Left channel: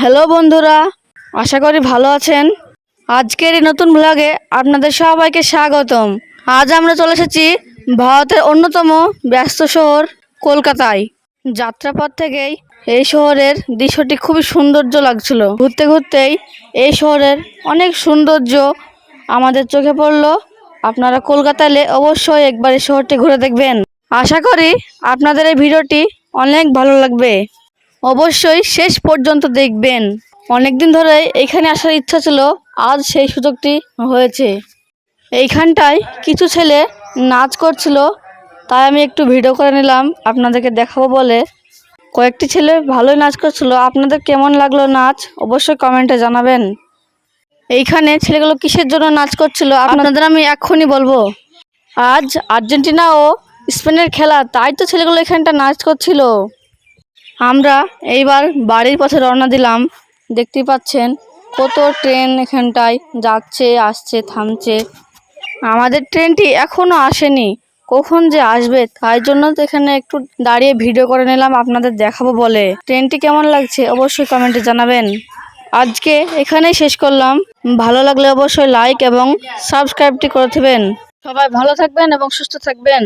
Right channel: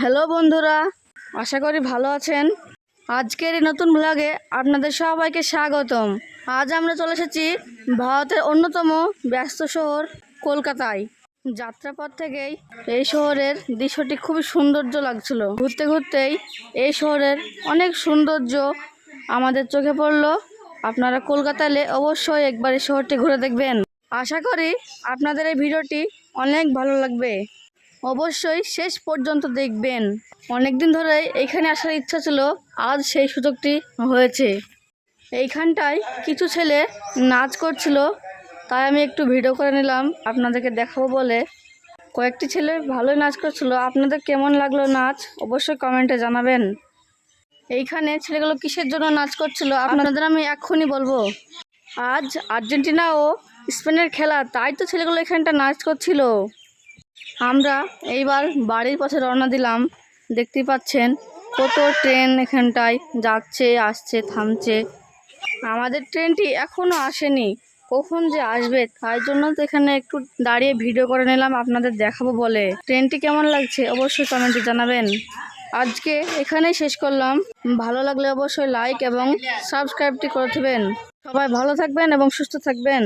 Hello বন্ধুরা, আশা করি ভালো আছেন। আজকের এই নতুন ব্লগে আপনাদের সবাইকে স্বাগতম। আজ আমরা চলে এসেছি ভারতের অন্যতম ব্যস্ত শহর কলকাতায়। যাত্রাপথ থেকেই এই শহরের দৃশ্যটি খুবই সৌন্দর্য লাগছিল। ঘুরতে ঘুরতেই এই শহরের অনেক সৌন্দর্য আমাদের চোখে পড়লো। আপনারা কলকাতায় এলে অবশ্যই একবার এই শহরটি ঘুরে দেখবেন। আশা করি আপনাদের এই ভিডিওটি অনেক ভালো লাগবে। অবশ্যই শেষ পর্যন্ত দেখবেন। অনেকদিন ধরে এইখানে আসার ইচ্ছা ছিল, আজ সেই সুযোগটি হয়েছে। এইখানটায় কিছু ছেলে নাচ করছিল, তাই আমি একটু ভিডিও করে নিলাম আপনাদেরকে দেখাবো বলে। কয়েকটি ছেলে ভালোই নাচ করছিল। আপনাদের কেমন লাগলো নাচ অবশ্যই কমেন্টে জানাবেন। এইখানে ছেলেগুলো কিসের জন্য নাচ করছিল আপনাদের আমি এক্ষুনি বলবো। আজ আর্জেন্টিনা ও স্পেনের খেলা, তাই তো ছেলেগুলো এখানটা নাচ করছিল। আমরা এইবার বাড়ির পথে রওনা দিলাম। দেখতেই পাচ্ছেন কত ট্রেন এখানটায় যাচ্ছে, আসছে, থামছে। আমাদের ট্রেনটি এখনও আসেনি, কখন যে আসবে, তাই জন্য তো এখানে একটু দাঁড়িয়ে ভিডিও করে নিলাম আপনাদের দেখাবো বলে। ট্রেনটি কেমন লাগছে অবশ্যই কমেন্টে জানাবেন। আজকে এখানেই শেষ করলাম। ভালো লাগলে অবশ্যই লাইক এবং সাবস্ক্রাইবটি করে দেবেন। সবাই ভালো থাকবেন এবং সুস্থ থাকবেন।